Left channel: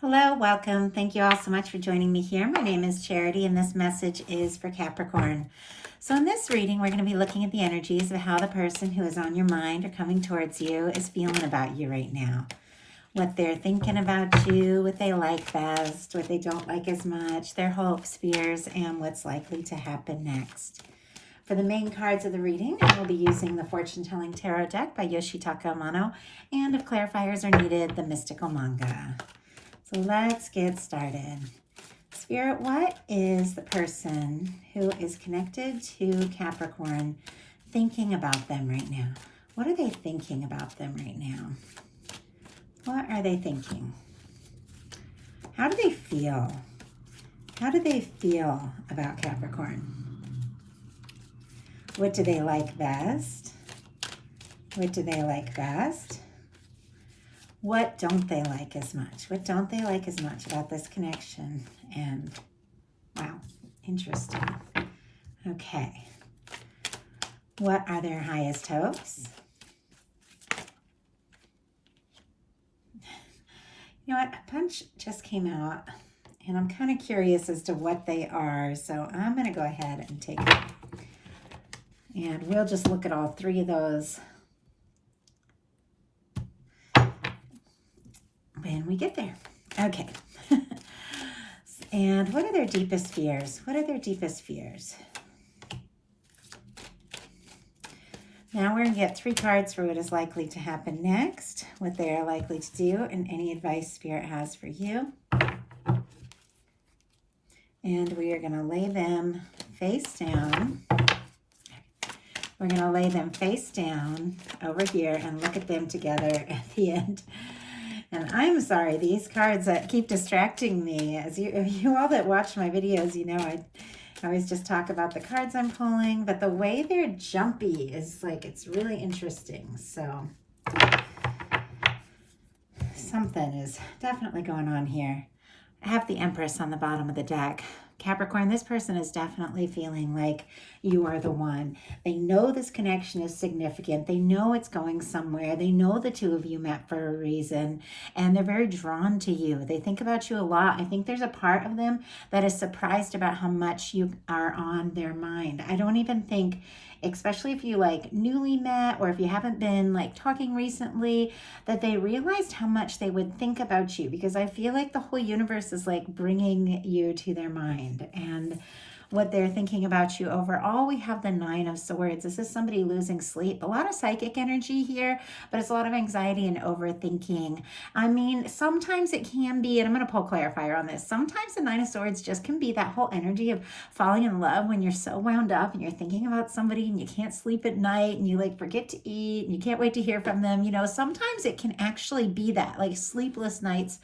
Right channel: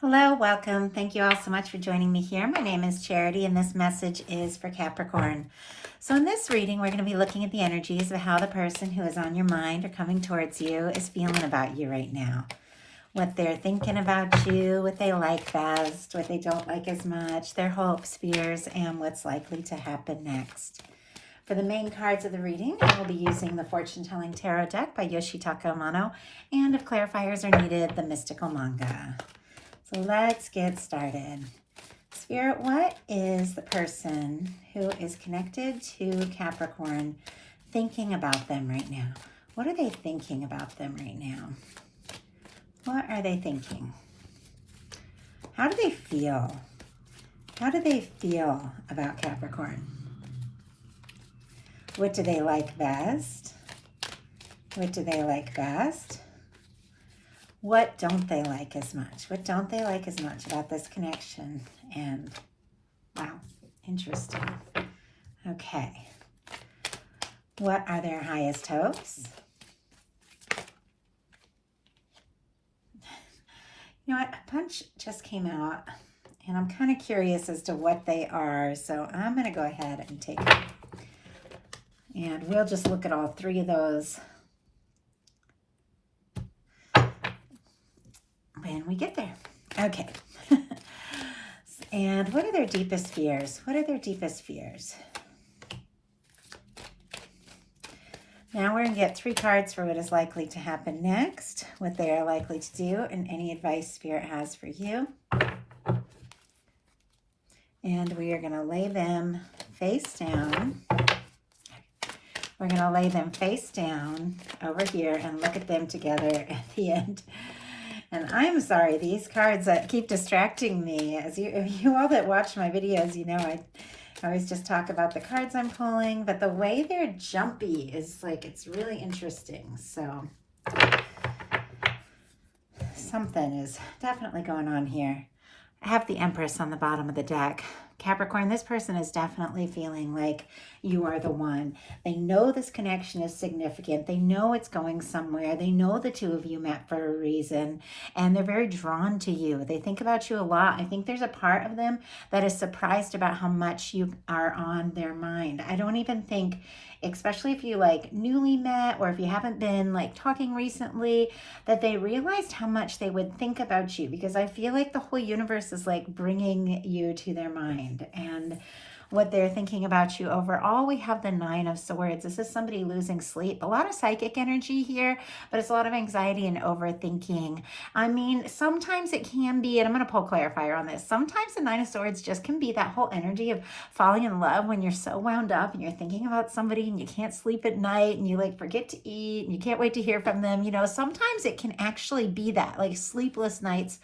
Hello, welcome. Thank you all so much for joining me here. My name is Charity, and this message is for Capricorn. So, in this reading, we're going to be looking at the energies of how the person who is on your mind or coming towards you is feeling about you right now. What they're thinking about you, what they like best, what they don't like as much, their hopes, fears, and what's likely to happen next. For the main cards of the reading, I will be using the Fortune Telling Tarot deck by Yoshitaka Amano, and if clarifiers are needed, the Mystical Manga. So let's get started. Spirit, what is the person who is connected to Capricorn thinking about them right now? What are they thinking about them right now? What are they thinking? How do they feel? How do they feel about Capricorn? What do they like best? What do they like best? What don't they like as much? What don't they like as much about this connection? And wow, interesting. Okay. What are their highest hopes? You know what? A bunch just came out, and I'm kind of curious as to what they are. So I'm going to go ahead and take it. And we'll just look at all three of those when we get there. Okay. And what are their deepest fears? What are their deepest fears? Now we're going to get three cards for what is likely to happen next, what they are likely to do, and any advice Spirit has for you. And we are going to lay them face down. We're going to lay them face down over here and look at them together at the end. And I'm sorry, these cards that keep distracting me. As you all that watch my videos, you know I always just talk about the cards I'm pulling, but the way they're jumpy is like, it's really interesting. So something is definitely going on here. I have the Empress on the bottom of the deck. Capricorn, this person is definitely feeling like you are the one. They know this connection is significant. They know it's going somewhere. They know the two of you met for a reason, and they're very drawn to you. They think about you a lot. I think there's a part of them that is surprised about how much you are on their mind. I don't even think, especially if you like newly met or if you haven't been like talking recently, that they realized how much they would think about you, because I feel like the whole universe is like bringing you to their mind and what they're thinking about you. Overall, we have the Nine of Swords. This is somebody losing sleep. A lot of psychic energy here, but it's a lot of anxiety and overthinking. I mean, sometimes it can be, and I'm going to pull clarifier on this, sometimes the Nine of Swords just can be that whole energy of falling in love when you're so wound up and you're thinking about somebody and you can't sleep at night and you like forget to eat and you can't wait to hear from them. You know, sometimes it can actually be that, like sleepless nights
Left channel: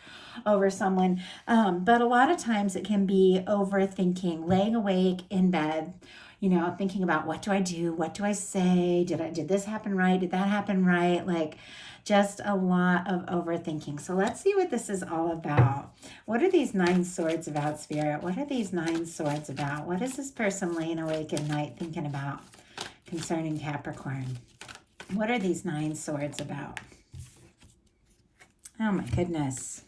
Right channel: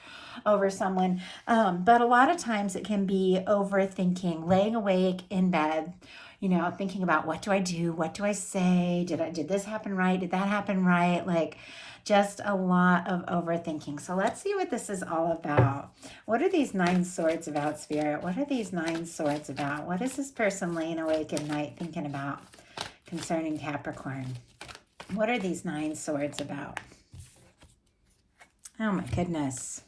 over someone. But a lot of times it can be overthinking, laying awake in bed, you know, thinking about what do I do? What do I say? Did this happen right? Did that happen right? Like just a lot of overthinking. So let's see what this is all about. What are these Nine Swords about, Spirit? What are these Nine Swords about? What is this person laying awake at night thinking about concerning Capricorn? What are these Nine Swords about? Oh my goodness.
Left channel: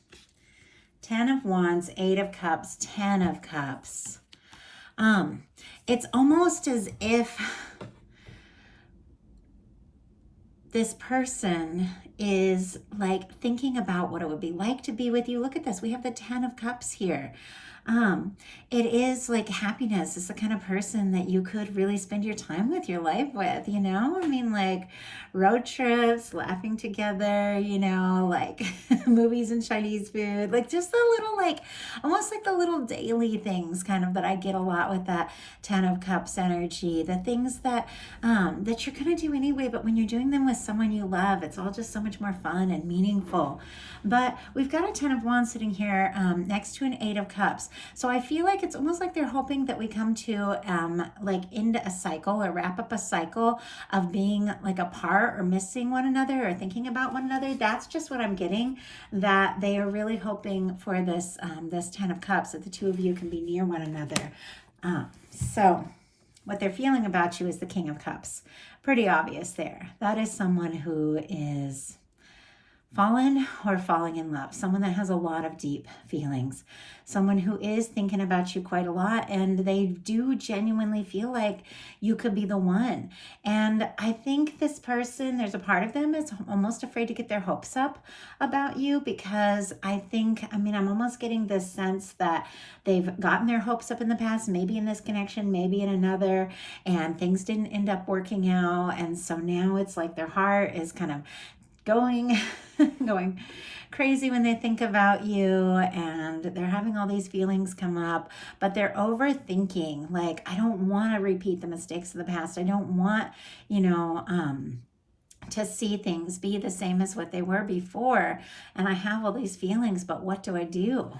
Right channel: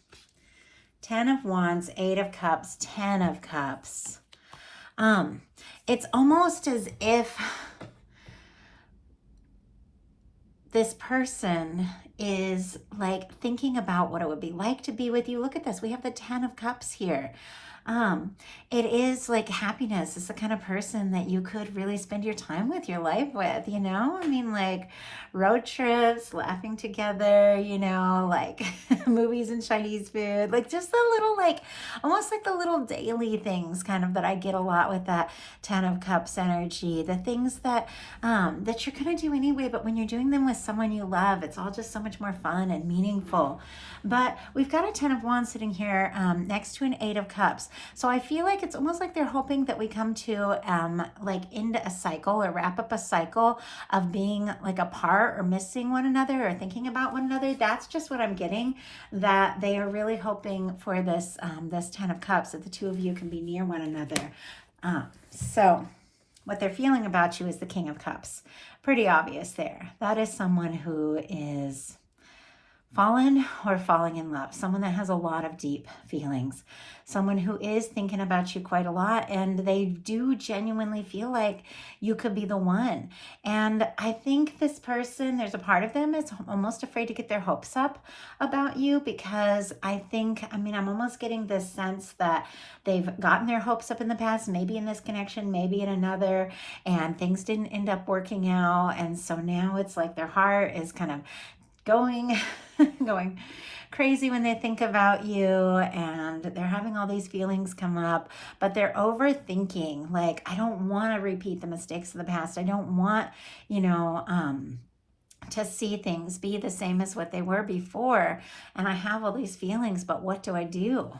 10 of Wands, 8 of Cups, 10 of Cups. It's almost as if this person is like thinking about what it would be like to be with you. Look at this. We have the 10 of Cups here. It is like happiness. It's the kind of person that you could really spend your time with, your life with, you know? I mean, like road trips, laughing together, you know, like movies and Chinese food, like just the little, like almost like the little daily things kind of that I get a lot with that 10 of Cups energy, the things that, that you're going to do anyway, but when you're doing them with someone you love, it's all just so much more fun and meaningful. But we've got a 10 of Wands sitting here next to an 8 of Cups. So I feel like it's almost like they're hoping that we come to like into a cycle or wrap up a cycle of being like apart or missing one another or thinking about one another. That's just what I'm getting, that they are really hoping for this, this 10 of Cups, that the two of you can be near one another. So what they're feeling about you is the King of Cups. Pretty obvious there. That is someone who is fallen or falling in love, someone that has a lot of deep feelings, someone who is thinking about you quite a lot, and they do genuinely feel like you could be the one. And I think this person, there's a part of them is almost afraid to get their hopes up about you, because I'm almost getting this sense that they've gotten their hopes up in the past, maybe in this connection, maybe in another, and things didn't end up working out. And so now it's like their heart is kind of going going crazy when they think about you, and they're having all these feelings come up, but they're overthinking. Like, I don't want to repeat the mistakes of the past. I don't want, to see things be the same as what they were before. And I have all these feelings, but what do I do?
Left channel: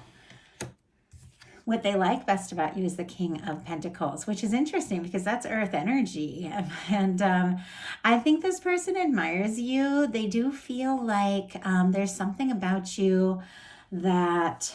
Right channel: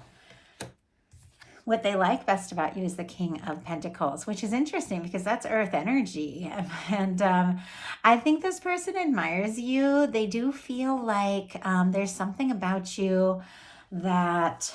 What they like best about you is the King of Pentacles, which is interesting because that's earth energy. And I think this person admires you. They do feel like there's something about you that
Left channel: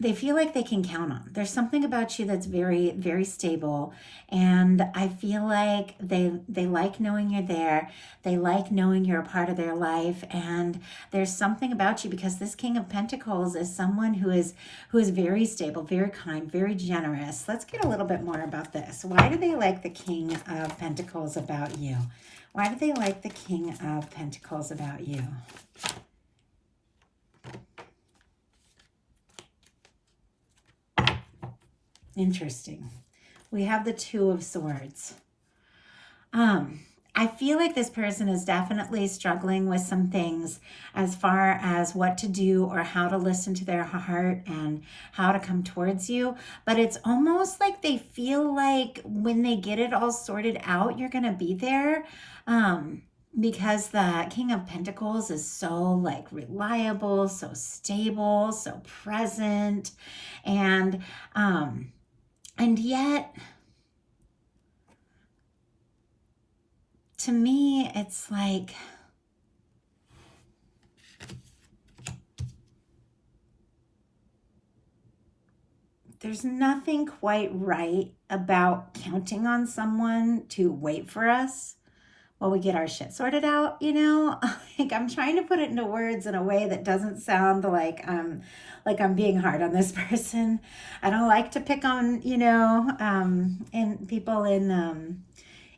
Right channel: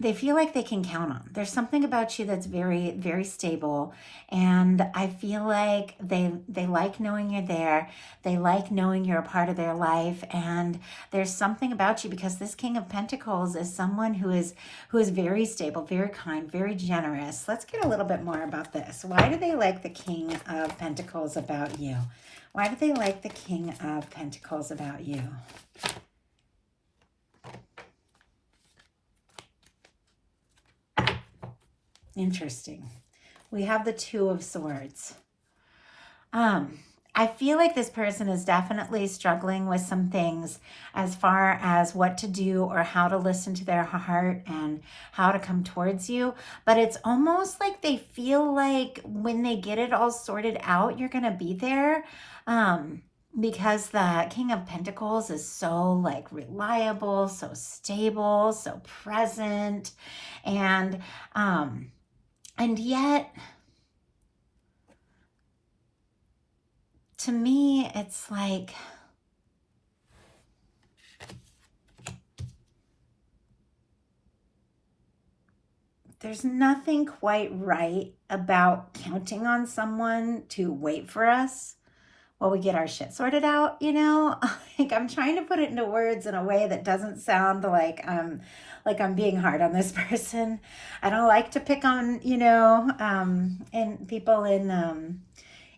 they feel like they can count on. There's something about you that's very, very stable. And I feel like they like knowing you're there. They like knowing you're a part of their life. And there's something about you, because this King of Pentacles is someone who is very stable, very kind, very generous. Let's get a little bit more about this. Why do they like the King of Pentacles about you? Why do they like the King of Pentacles about you? Interesting. We have the Two of Swords. I feel like this person is definitely struggling with some things as far as what to do or how to listen to their heart and how to come towards you. But it's almost like they feel like when they get it all sorted out, you're going to be there. Because the King of Pentacles is so like reliable, so stable, so present. And yet, to me, it's like there's nothing quite right about counting on someone to wait for us while we get our shit sorted out, Like, I'm trying to put it into words in a way that doesn't sound like I'm being hard on this person. I don't like to pick on, in people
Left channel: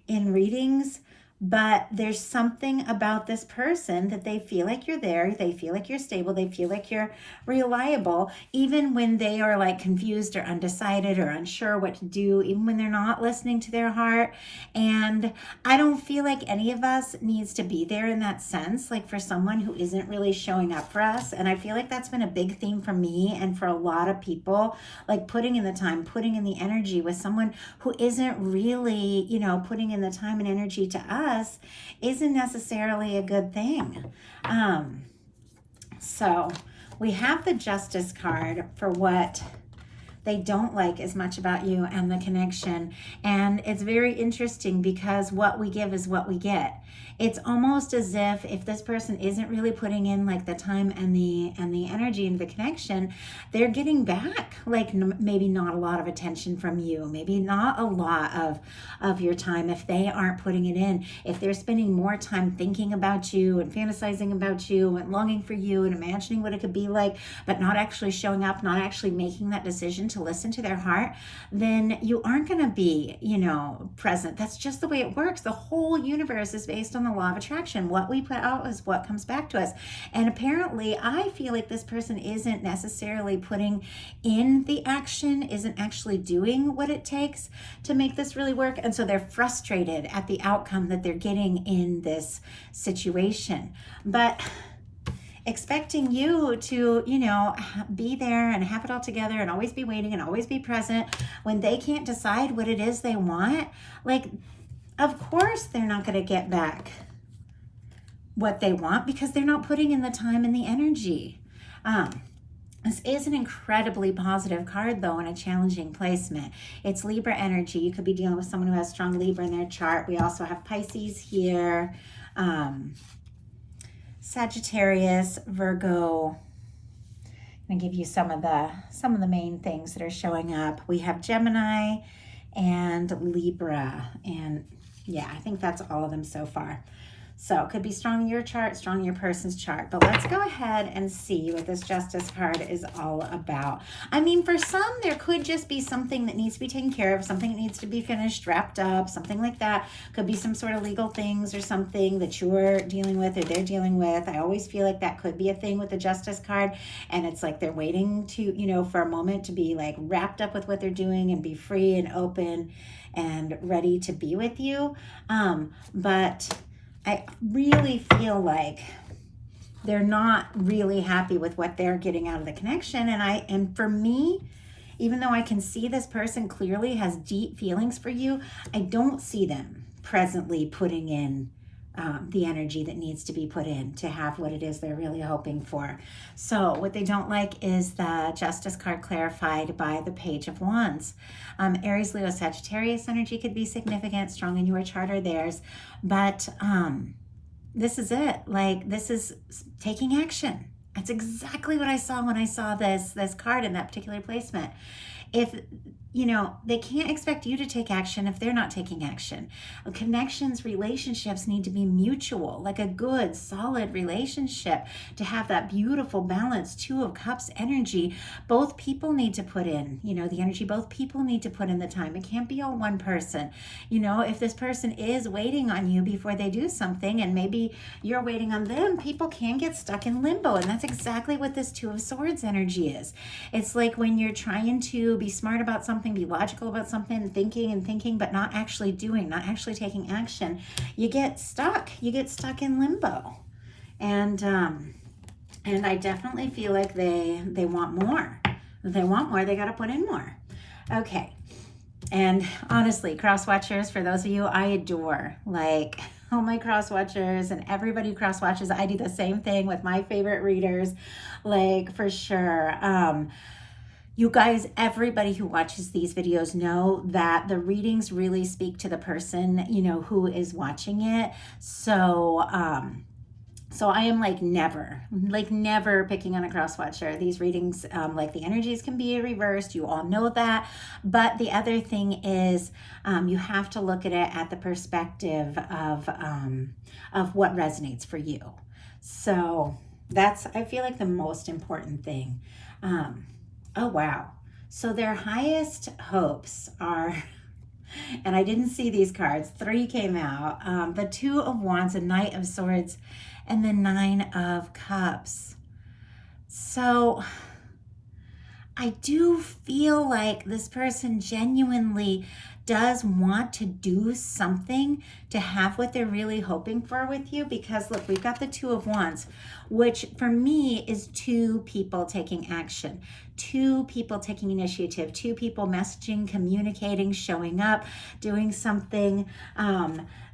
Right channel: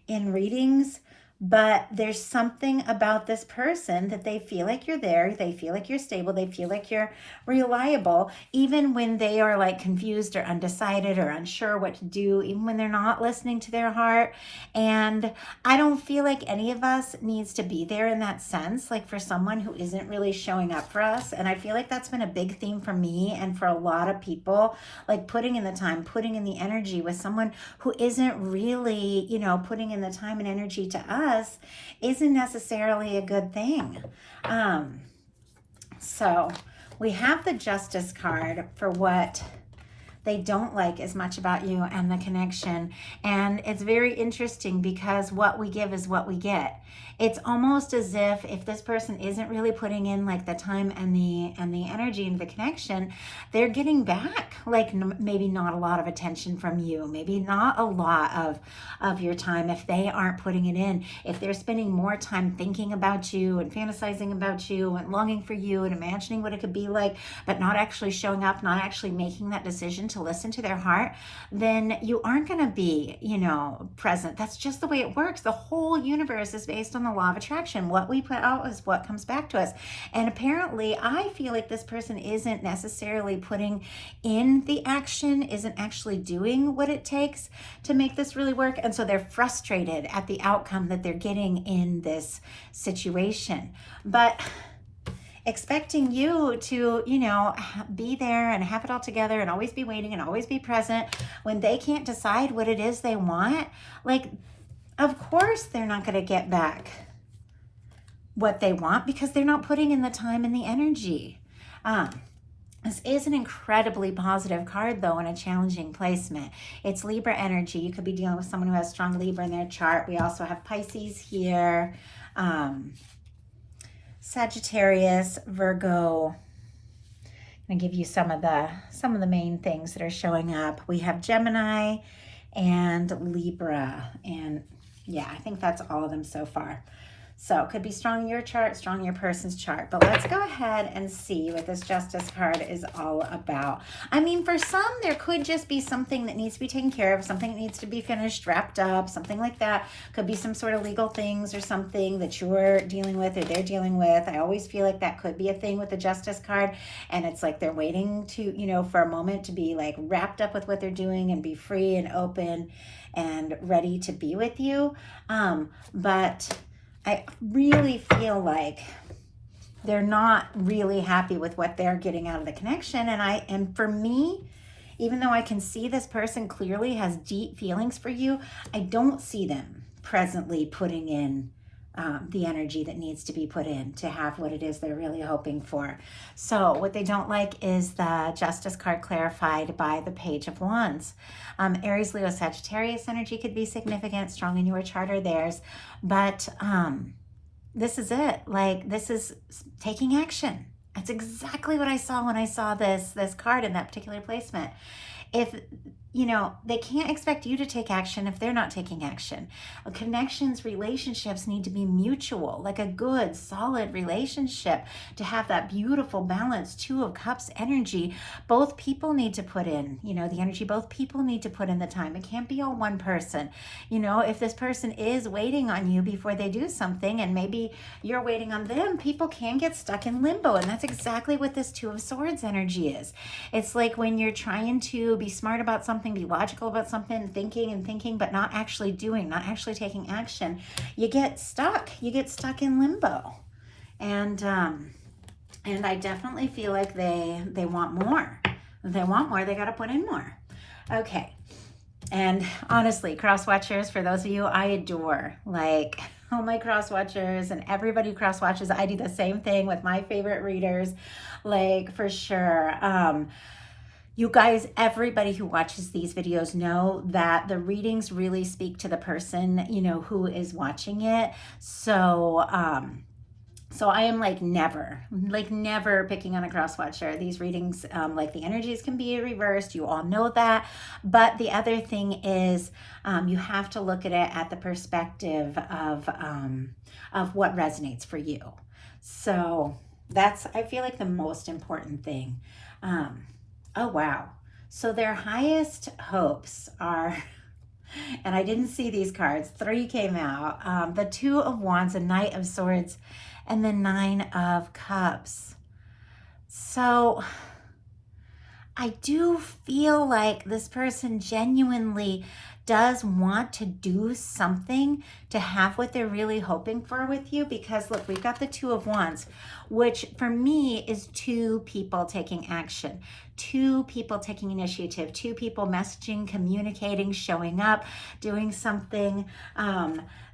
in readings, but there's something about this person that they feel like you're there. They feel like you're stable. They feel like you're reliable, even when they are like confused or undecided or unsure what to do, even when they're not listening to their heart. And I don't feel like any of us needs to be there in that sense, like for someone who isn't really showing up for us. And I feel like that's been a big theme for me and for a lot of people, like putting in the time, putting in the energy with someone who isn't really, putting in the time and energy to us isn't necessarily a good thing. So we have the Justice card for what they don't like as much about you and the connection. And it's very interesting because what we give is what we get. It's almost as if this person isn't really putting in like the time and the energy into the connection, they're getting back like maybe not a lot of attention from you, maybe not a lot of your time if they aren't putting it in. If they're spending more time thinking about you and fantasizing about you and longing for you and imagining what it could be like, but not actually showing up, not actually making that decision to listen to their heart, then you aren't going to be, present. That's just the way it works. The whole universe is based on the law of attraction. What we put out is what comes back to us. And apparently, I feel like this person isn't necessarily putting in the action, isn't actually doing what it takes to make this really work. And so they're frustrated at the outcome that they're getting in this situation. But expecting you to, be there and have it all together and always be waiting and always be present when they can't decide what it is they want, like, of course they're not going to get back what they want because they're not putting in the time and the energy. This is an incredibly positive card, though, in a challenging placement. It's Libra energy. You could be dealing with someone who has strong Libra in their chart. We also have Pisces here. Sagittarius, Virgo. I'm going to give you some of the main things that are showing up. We have Gemini and Libra. And yeah, I think that's all of them so far. So it could be strong in your chart, strong in your person's chart. But let's go ahead and see what this Justice card is all about. I mean, for some, there could just be something that needs to be taken care of, something that needs to be finished, wrapped up, something like that. Could be some sort of legal things or something that you're dealing with or they're dealing with. I always feel like that could be a thing with the Justice card. And it's like they're waiting to, you know, for a moment to be like wrapped up with what they're doing and be free and open and ready to be with you. But I really feel like they're not really happy with what they're getting out of the connection. And for me, even though I can see this person clearly has deep feelings for you, I don't see them presently putting in the energy that needs to be put in to have what it is they're really hoping for. So what they don't like is the Justice card clarified by the Page of Wands. Aries, Leo, Sagittarius energy could be significant, strong in your chart or theirs, but this is it. Like, this is taking action. That's exactly what I saw when I saw this card in that particular placement. If, you know, they can't expect you to take action if they're not taking action. Connections, relationships need to be mutual, like a good, solid relationship to have that beautiful balance, Two of Cups energy. Both people need to put in, you know, the energy. Both people need to put in the time. It can't be all one person. You know, if this person is waiting on you before they do something and maybe you're waiting on them, people can get stuck in limbo. And that's exactly what this Two of Swords energy is. It's like when you're trying to be smart about something, be logical about something, thinking, but not actually doing, not actually taking action, you get stuck. You get stuck in limbo. And I definitely feel like they want more. If they want more, they got to put in more. Okay. And honestly, cross watchers, for those of you I adore, like, oh, my cross watchers and everybody who cross watches, I do the same thing with my favorite readers, like, for sure. You guys, everybody who watches these videos know that the readings really speak to the person, you know, who is watching it. So, so I am like never picking on a cross watcher. These readings, like the energies can be reversed. You all know that. But the other thing is, you have to look at it at the perspective of what resonates for you. So that's, I feel like, the most important thing. Oh, wow. So their highest hopes are, and I didn't see these cards, 3 came out, the Two of Wands, a Knight of Swords, and the Nine of Cups. So I do feel like this person genuinely does want to do something to have what they're really hoping for with you, because look, we've got the Two of Wands, which for me is 2 people taking action, 2 people taking initiative, 2 people messaging, communicating, showing up, doing something.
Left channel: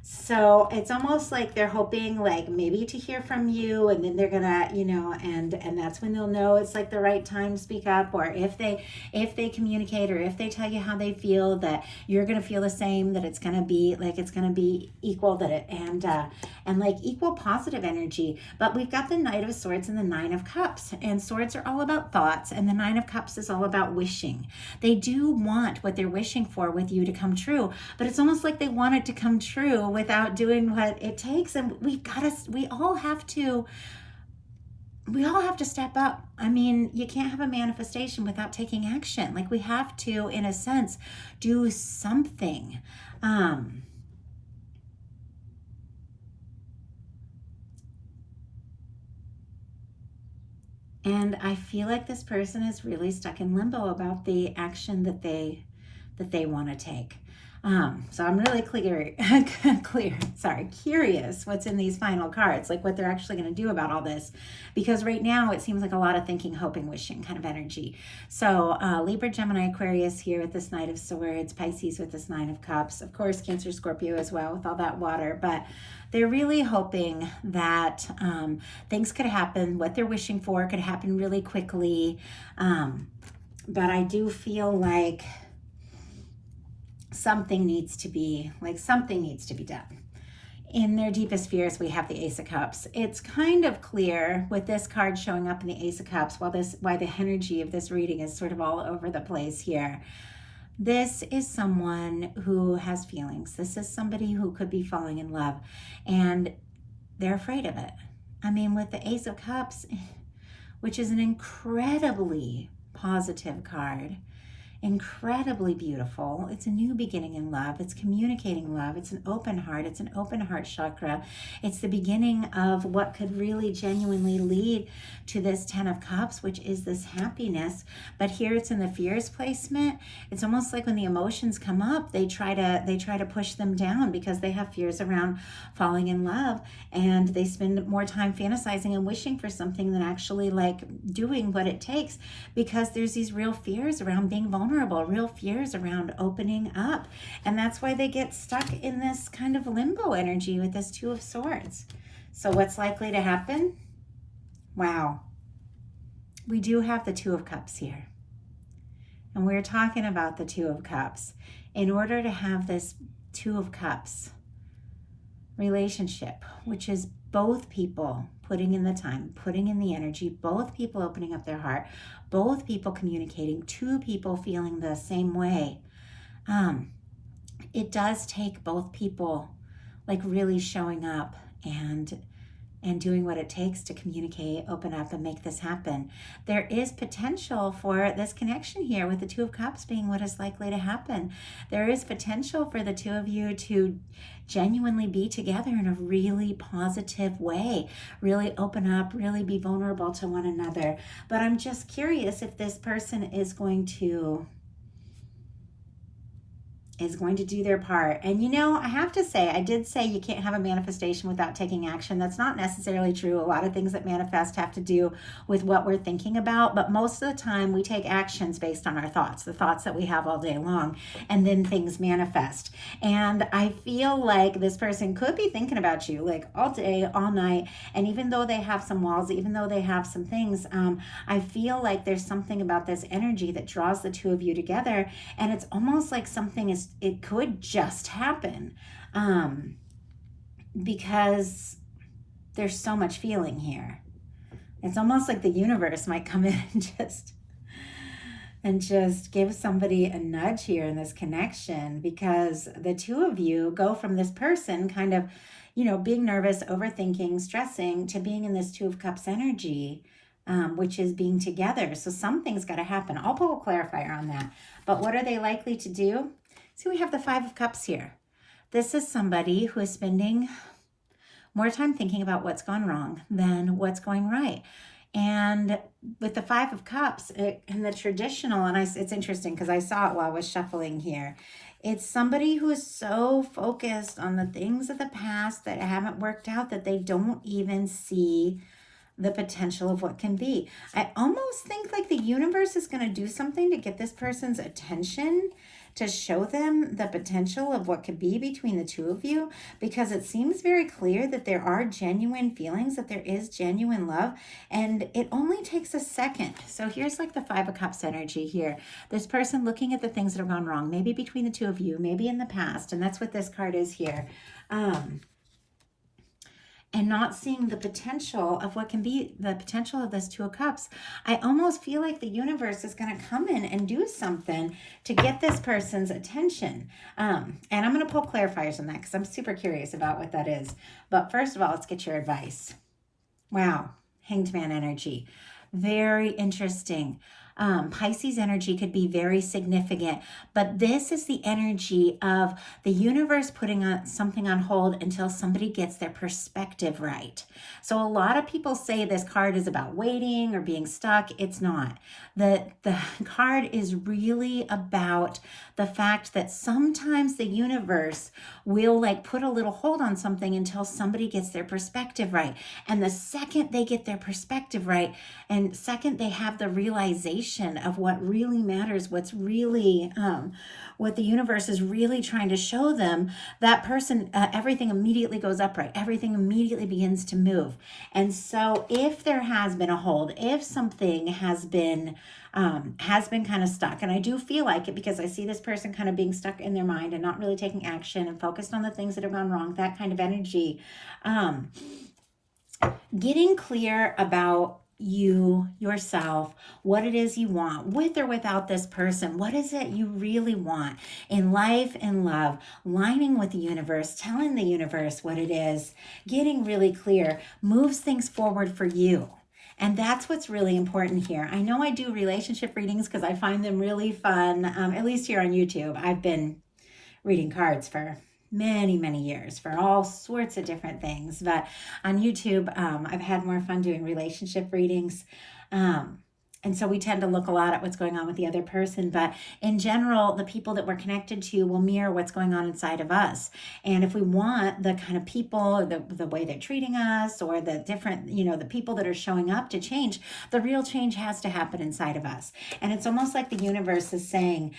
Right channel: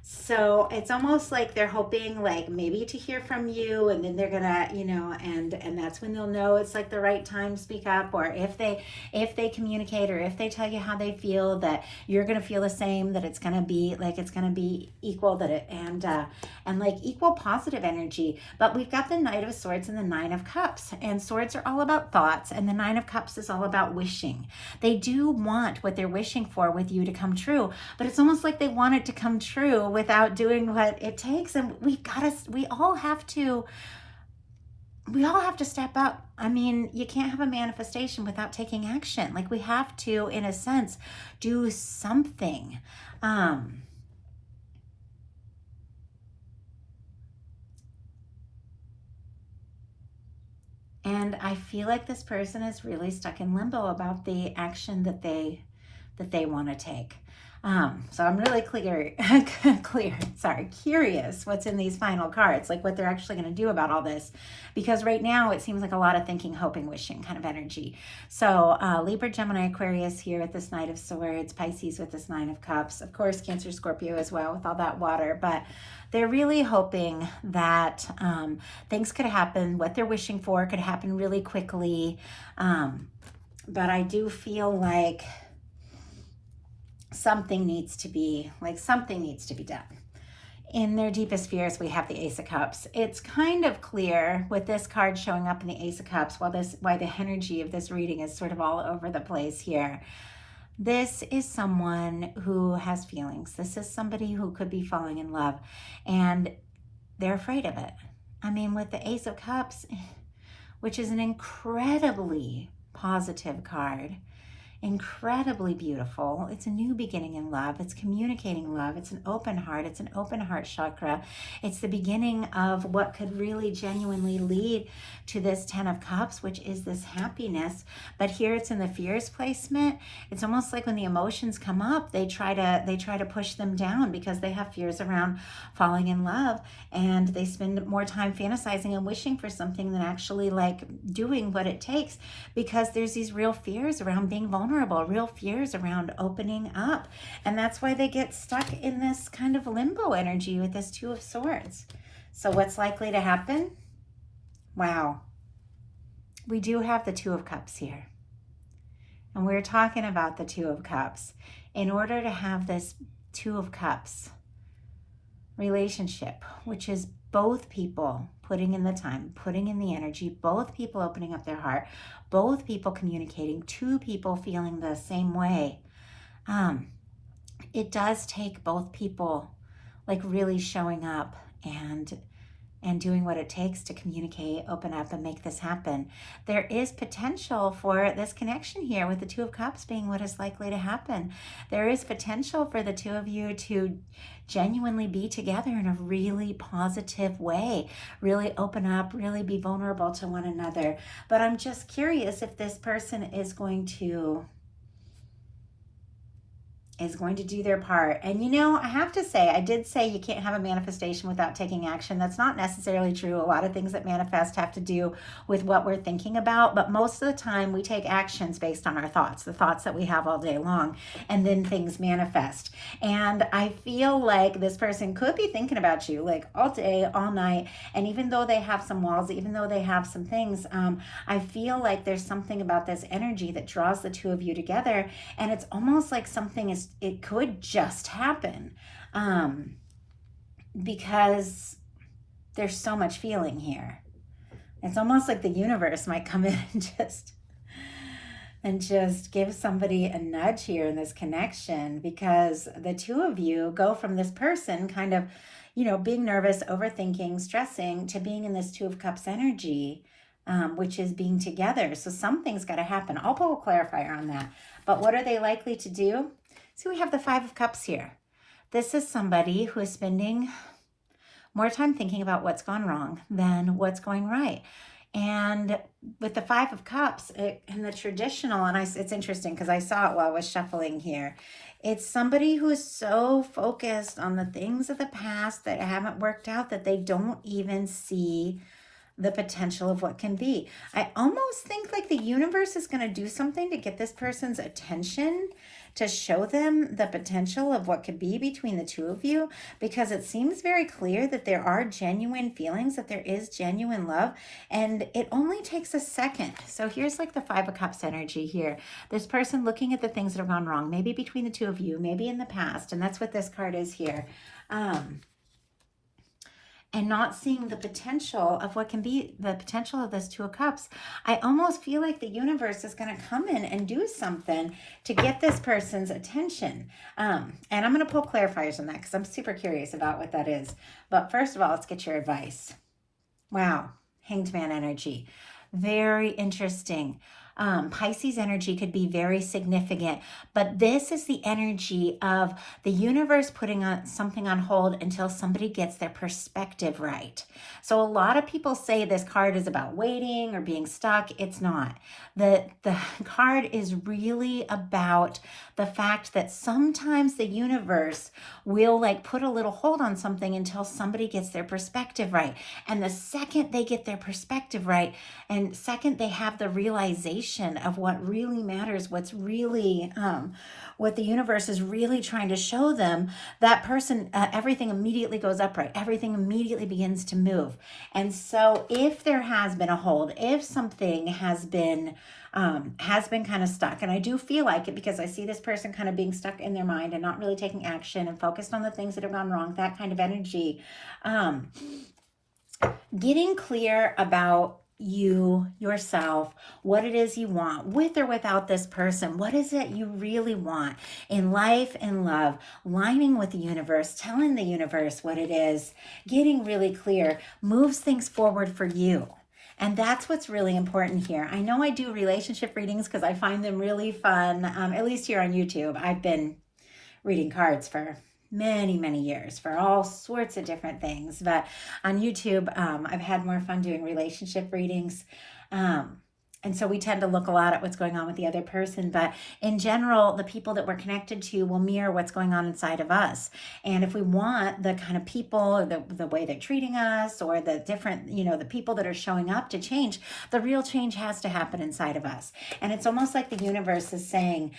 So it's almost like they're hoping, like, maybe to hear from you, and then they're gonna, you know, and that's when they'll know it's like the right time to speak up. Or if they communicate, or if they tell you how they feel, that you're gonna feel the same, that it's gonna be like, it's gonna be equal, that it, and like equal positive energy. But we've got the Knight of Swords and the Nine of Cups, and swords are all about thoughts, and the Nine of Cups is all about wishing. They do want what they're wishing for with you to come true, but it's almost like they want it to come true without doing what it takes. And we all have to step up. I mean, you can't have a manifestation without taking action. Like, we have to, in a sense, do something. And I feel like this person is really stuck in limbo about the action that they want to take. So I'm really curious what's in these final cards, like what they're actually going to do about all this, because right now it seems like a lot of thinking, hoping, wishing kind of energy. So Libra, Gemini, Aquarius here with this Knight of Swords, Pisces with this Nine of Cups, of course Cancer, Scorpio as well with all that water. But they're really hoping that things could happen, what they're wishing for could happen really quickly. But I do feel like something needs to be done. In their deepest fears, we have the Ace of Cups. It's kind of clear with this card showing up in the Ace of Cups, why the energy of this reading is sort of all over the place here. This is someone who has feelings. This is somebody who could be falling in love. And they're afraid of it. I mean, with the Ace of Cups, which is an incredibly positive card, incredibly beautiful. It's a new beginning in love. It's communicating love. It's an open heart. It's an open heart chakra. It's the beginning of what could really genuinely lead to this 10 of Cups, which is this happiness. But here it's in the fears placement. It's almost like when the emotions come up, they try to push them down because they have fears around falling in love, and they spend more time fantasizing and wishing for something than actually like doing what it takes, because there's these real fears around being vulnerable, real fears around opening up. And that's why they get stuck in this kind of limbo energy with this Two of Swords. So what's likely to happen? Wow. We do have the Two of Cups here. And we're talking about the Two of Cups. In order to have this Two of Cups relationship, which is both people putting in the time, putting in the energy, both people opening up their heart, both people communicating, two people feeling the same way, it does take both people like really showing up and doing what it takes to communicate, open up, and make this happen. There is potential for this connection here with the Two of Cups being what is likely to happen. There is potential for the two of you to genuinely be together in a really positive way, really open up, really be vulnerable to one another. But I'm just curious if this person is going to do their part. And you know, I have to say, I did say you can't have a manifestation without taking action. That's not necessarily true. A lot of things that manifest have to do with what we're thinking about, but most of the time we take actions based on our thoughts, the thoughts that we have all day long, and then things manifest. And I feel like this person could be thinking about you like all day, all night, and even though they have some walls, even though they have some things, I feel like there's something about this energy that draws the two of you together, and it's almost like it could just happen, because there's so much feeling here. It's almost like the universe might come in and just give somebody a nudge here in this connection, because the two of you go from this person kind of, you know, being nervous, overthinking, stressing, to being in this Two of Cups energy, which is being together. So something's got to happen. I'll pull a clarifier on that. But what are they likely to do? So we have the Five of Cups here. This is somebody who is spending more time thinking about what's gone wrong than what's going right. And with the Five of Cups, in the traditional, and it's interesting because I saw it while I was shuffling here. It's somebody who is so focused on the things of the past that haven't worked out that they don't even see the potential of what can be. I almost think like the universe is going to do something to get this person's attention, to show them the potential of what could be between the two of you, because it seems very clear that there are genuine feelings, that there is genuine love, and it only takes a second. So here's like the Five of Cups energy here. This person looking at the things that have gone wrong, maybe between the two of you, maybe in the past, and that's what this card is here. And not seeing the potential of what can be the potential of this Two of Cups. I almost feel like the universe is going to come in and do something to get this person's attention. And I'm going to pull clarifiers on that because I'm super curious about what that is. But first of all, let's get your advice. Wow, Hanged Man energy. Very interesting. Pisces energy could be very significant, but this is the energy of the universe putting something on hold until somebody gets their perspective right. So a lot of people say this card is about waiting or being stuck. It's not. The card is really about the fact that sometimes the universe will like put a little hold on something until somebody gets their perspective right. And the second they get their perspective right, and second they have the realization of what really matters, what's really what the universe is really trying to show them, that person, everything immediately goes upright. Everything immediately begins to move. And so if there has been a hold, if something has been kind of stuck, and I do feel like it because I see this person kind of being stuck in their mind and not really taking action and focused on the things that have gone wrong, that kind of energy, getting clear about you yourself, what it is you want with or without this person. What is it you really want in life and love? Lining with the universe, telling the universe what it is, getting really clear moves things forward for you. And that's what's really important here. I know I do relationship readings because I find them really fun, at least here on YouTube. I've been reading cards for many years for all sorts of different things, but on YouTube I've had more fun doing relationship readings, and so we tend to look a lot at what's going on with the other person, but in general the people that we're connected to will mirror what's going on inside of us. And if we want the kind of people, the way they're treating us, or the different, the people that are showing up to change, the real change has to happen inside of us. And it's almost like the universe is saying,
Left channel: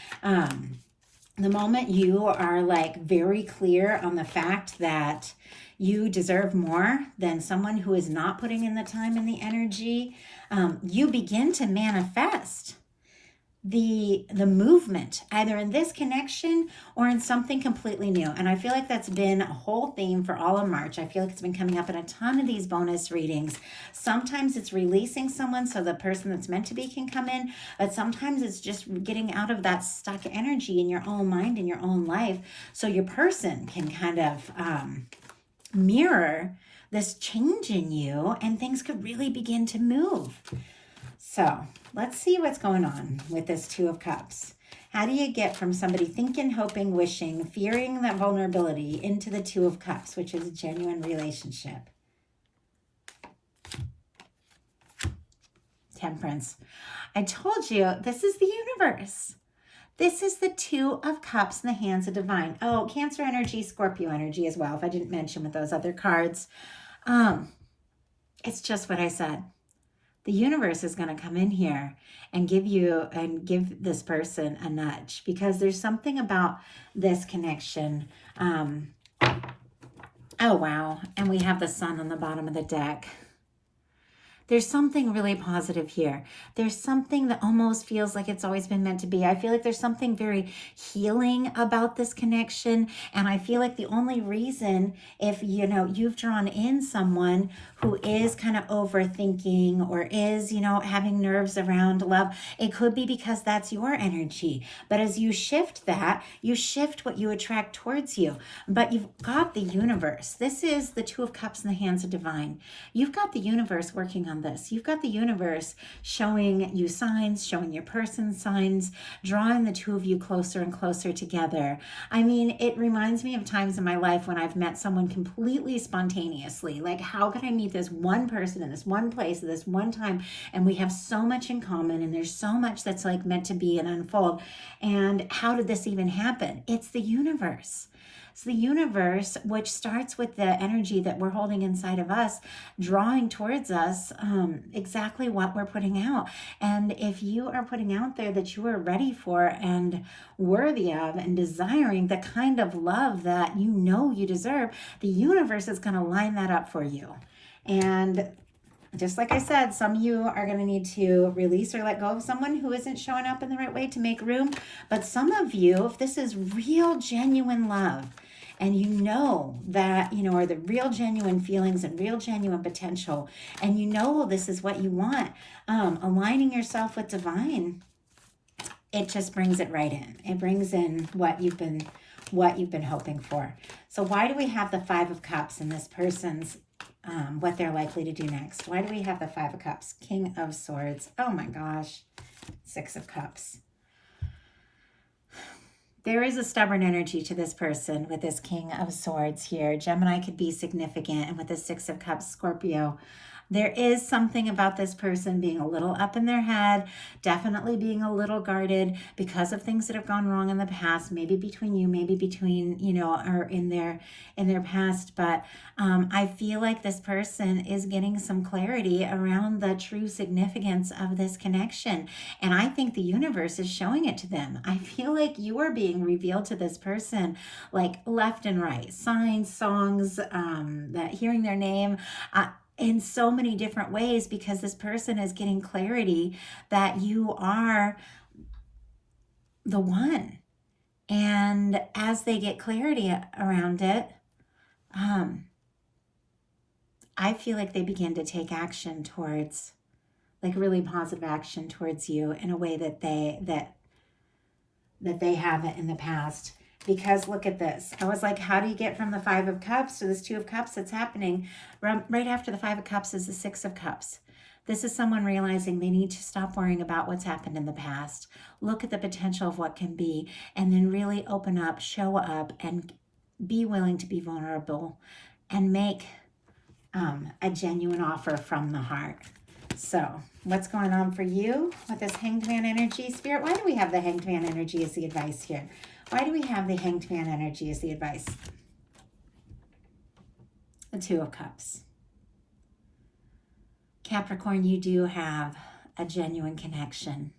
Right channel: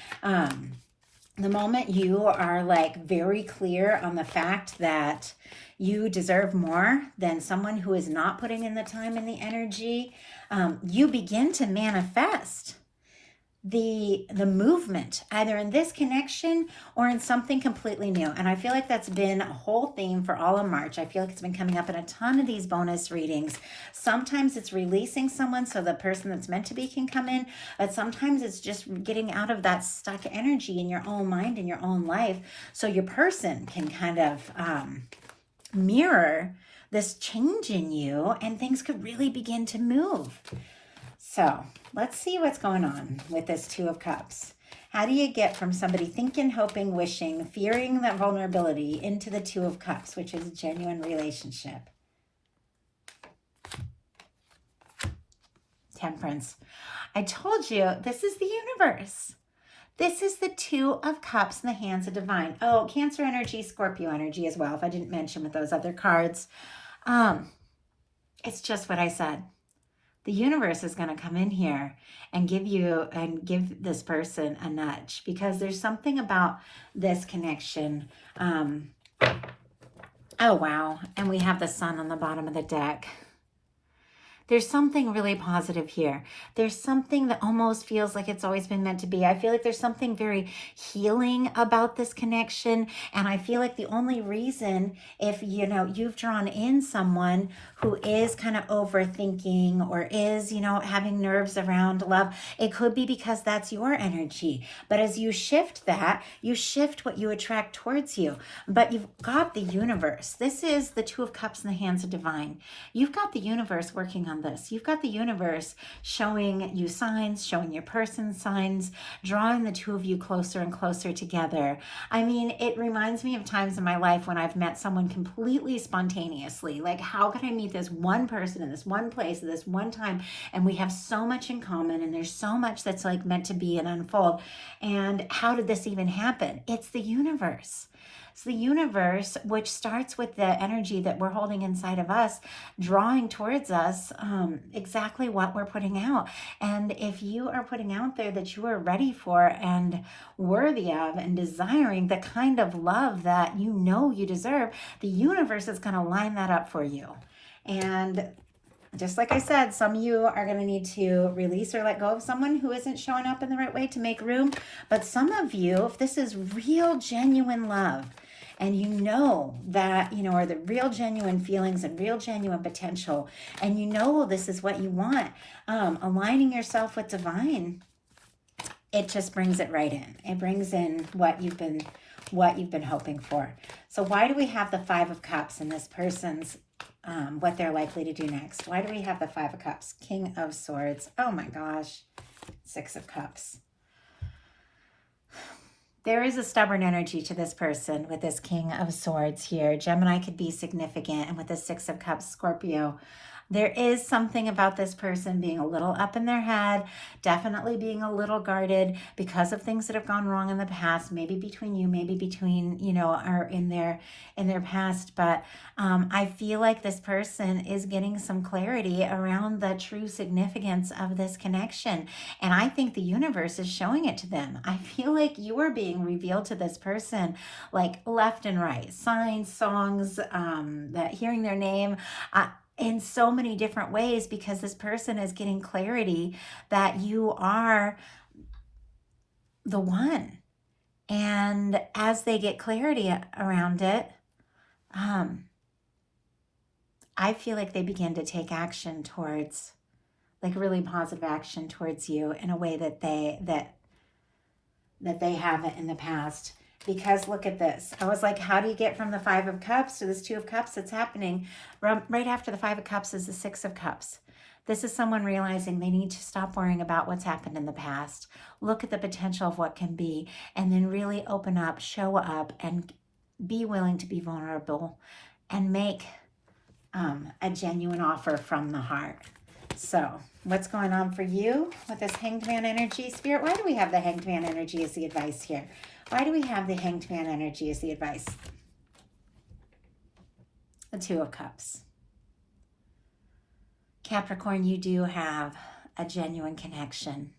the moment you are like very clear on the fact that you deserve more than someone who is not putting in the time and the energy, you begin to manifest the movement either in this connection or in something completely new. And I feel like that's been a whole theme for all of March. I feel like it's been coming up in a ton of these bonus readings. Sometimes it's releasing someone so the person that's meant to be can come in, but sometimes it's just getting out of that stuck energy in your own mind, in your own life, so your person can kind of mirror this change in you and things could really begin to move. So let's see what's going on with this Two of Cups. How do you get from somebody thinking, hoping, wishing, fearing that vulnerability into the Two of Cups, which is a genuine relationship? Temperance. I told you, this is the universe. This is the Two of Cups in the hands of divine. Oh, Cancer energy, Scorpio energy as well, if I didn't mention with those other cards. It's just what I said. The universe is going to come in here and give this person a nudge, because there's something about this connection. Oh, wow. And we have the Sun on the bottom of the deck. There's something really positive here. There's something that almost feels like it's always been meant to be. I feel like there's something very healing about this connection. And I feel like the only reason, if you've drawn in someone who is kind of overthinking or is, having nerves around love, it could be because that's your energy. But as you shift that, you shift what you attract towards you. But you've got the universe. This is the Two of Cups in the hands of divine. You've got the universe working on this. You've got the universe showing you signs, showing your person signs, drawing the two of you closer and closer together. I mean, it reminds me of times in my life when I've met someone completely spontaneously. Like, how could I meet this one person in this one place at this one time? And we have so much in common, and there's so much that's like meant to be and unfold. And how did this even happen? It's the universe. It's the universe, which starts with the energy that we're holding inside of us, drawing towards us exactly what we're putting out. And if you are putting out there that you are ready for and worthy of and desiring the kind of love that you know you deserve, the universe is going to line that up for you. And just like I said, some of you are going to need to release or let go of someone who isn't showing up in the right way to make room. But some of you, if this is real, genuine love, and you know that, are the real, genuine feelings and real, genuine potential, and you know this is what you want, aligning yourself with divine, it just brings it right in. It brings in what you've been hoping for. So why do we have the Five of Cups in this person's what they're likely to do next? Why do we have the Five of Cups? King of Swords. Oh my gosh. Six of Cups. There is a stubborn energy to this person with this King of Swords here. Gemini could be significant. And with the Six of Cups, Scorpio, there is something about this person being a little up in their head, definitely being a little guarded because of things that have gone wrong in the past, maybe between you, maybe between, or in their past. But I feel like this person is getting some clarity around the true significance of this connection. And I think the universe is showing it to them. I feel like you are being revealed to this person like left and right. Signs, songs, that hearing their name, in so many different ways, because this person is getting clarity that you are the one. And as they get clarity around it, I feel like they begin to take action towards like really positive action towards you in a way that they haven't in the past. Because look at this. I was like, how do you get from the Five of Cups to this Two of Cups that's happening? Right after the Five of Cups is the Six of Cups. This is someone realizing they need to stop worrying about what's happened in the past. Look at the potential of what can be, and then really open up, show up, and be willing to be vulnerable and make a genuine offer from the heart. So what's going on for you with this Hanged Man energy? Spirit, why do we have the Hanged Man energy as the advice here? Why do we have the Hanged Man energy as the advice? The Two of Cups. Capricorn, you do have a genuine connection.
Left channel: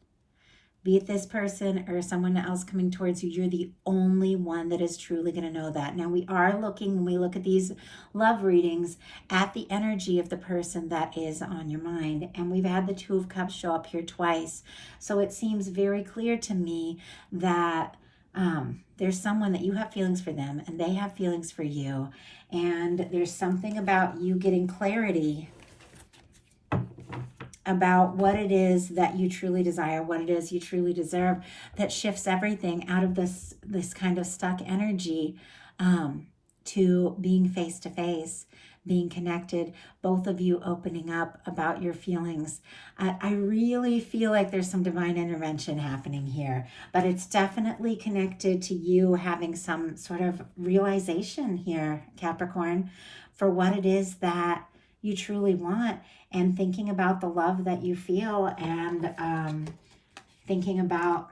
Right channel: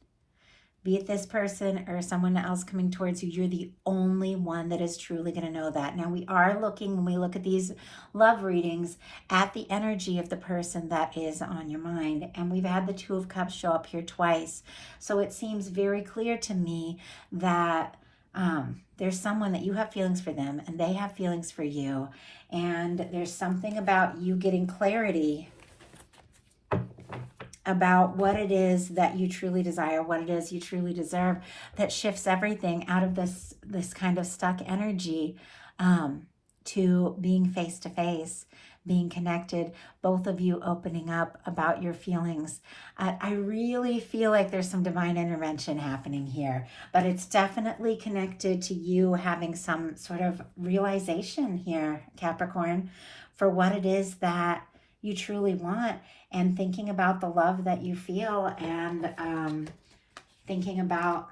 Be it this person or someone else coming towards you, you're the only one that is truly going to know that. Now, we are looking, when we look at these love readings, at the energy of the person that is on your mind. And we've had the Two of Cups show up here twice. So it seems very clear to me that there's someone that you have feelings for them and they have feelings for you. And there's something about you getting clarity about what it is that you truly desire, what it is you truly deserve, that shifts everything out of this kind of stuck energy to being face to face, being connected, both of you opening up about your feelings. I really feel like there's some divine intervention happening here, but it's definitely connected to you having some sort of realization here, Capricorn, for what it is that you truly want, and thinking about the love that you feel, and thinking about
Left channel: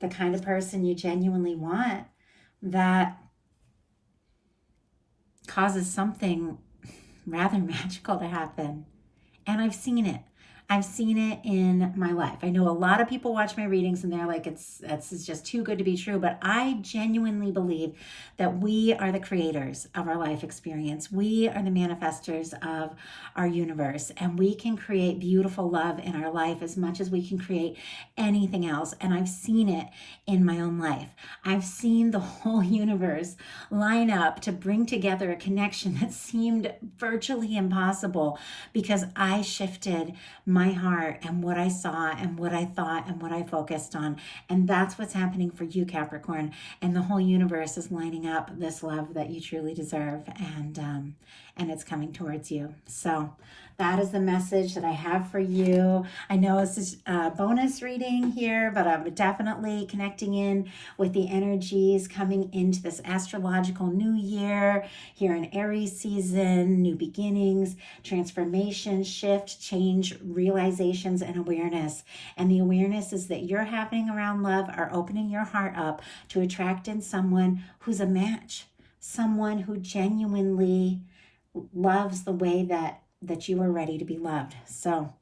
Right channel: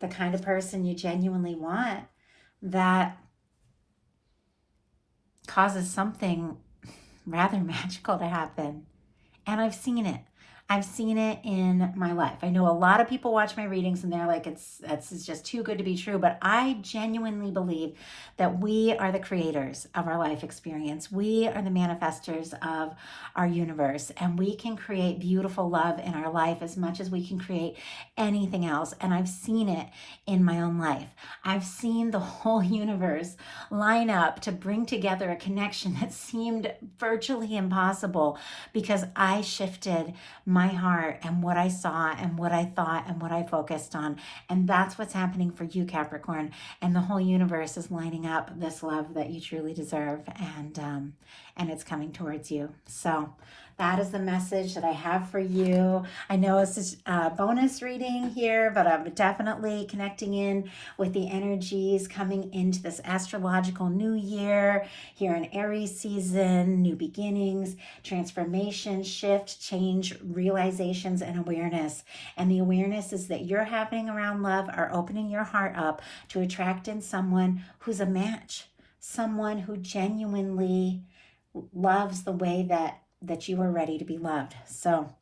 the kind of person you genuinely want that causes something rather magical to happen. And I've seen it. I've seen it in my life. I know a lot of people watch my readings and they're like, it's just too good to be true. But I genuinely believe that we are the creators of our life experience. We are the manifestors of our universe, and we can create beautiful love in our life as much as we can create anything else. And I've seen it in my own life. I've seen the whole universe line up to bring together a connection that seemed virtually impossible because I shifted my heart and what I saw and what I thought and what I focused on. And that's what's happening for you, Capricorn. And the whole universe is lining up this love that you truly deserve, and it's coming towards you. So that is the message that I have for you. I know this is a bonus reading here, but I'm definitely connecting in with the energies coming into this astrological new year here in Aries season, new beginnings, transformation, shift, change, realizations, and awareness. And the awareness is that you're having around love are opening your heart up to attract in someone who's a match, someone who genuinely loves the way that you are ready to be loved. So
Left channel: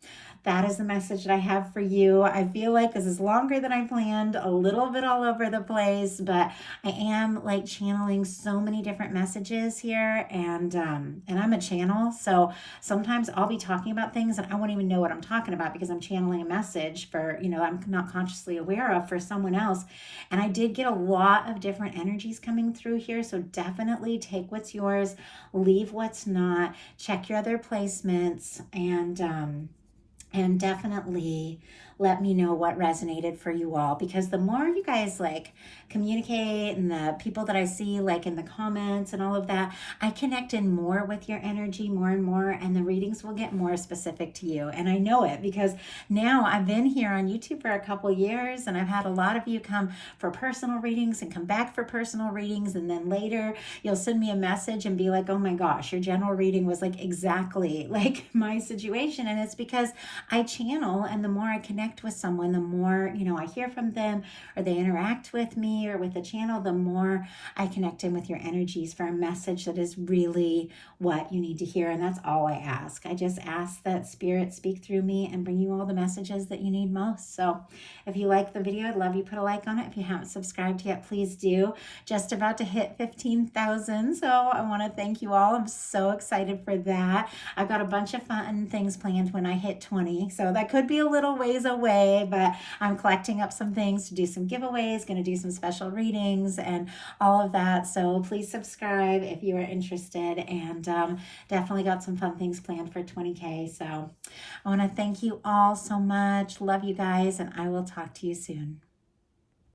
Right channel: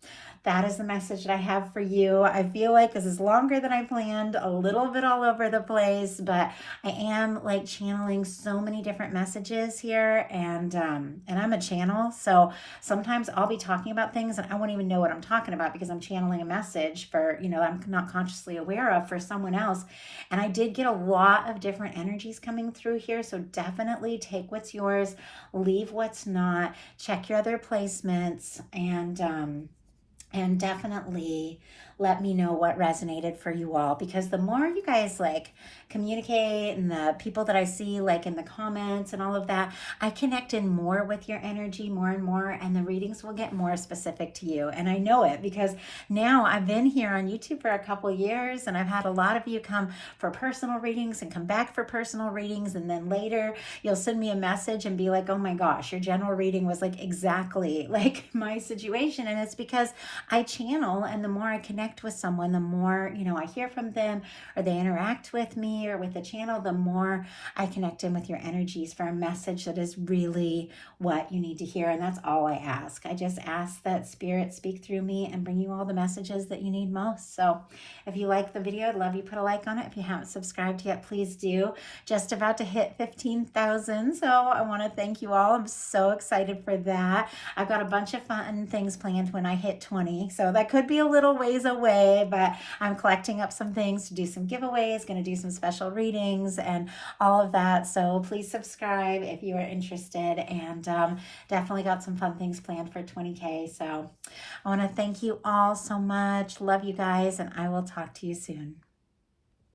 that is the message that I have for you. I feel like this is longer than I planned, a little bit all over the place, but I am like channeling so many different messages here, and I'm a channel, so sometimes I'll be talking about things and I won't even know what I'm talking about because I'm channeling a message for, I'm not consciously aware of, for someone else. And I did get a lot of different energies coming through here, so definitely take what's yours, leave what's not, check your other placements, and definitely let me know what resonated for you all, because the more you guys like communicate and the people that I see like in the comments and all of that, I connect in more with your energy more and more, and the readings will get more specific to you. And I know it because now I've been here on YouTube for a couple years, and I've had a lot of you come for personal readings and come back for personal readings, and then later you'll send me a message and be like, oh my gosh, your general reading was like exactly like my situation. And it's because I channel, and the more I connect with someone, the more I hear from them, or they interact with me or with the channel, the more I connect in with your energies for a message that is really what you need to hear. And that's all I ask. I just ask that Spirit speak through me and bring you all the messages that you need most. So if you like the video, I'd love you put a like on it. If you haven't subscribed yet, please do. Just about to hit 15,000, so I want to thank you all. I'm so excited for that. I've got a bunch of fun things planned when I hit 20. 2020. So that could be a little ways away, but I'm collecting up some things to do some giveaways, going to do some special readings and all of that. So please subscribe if you are interested, and definitely got some fun things planned for 20K. So I want to thank you all so much. Love you guys, and I will talk to you soon.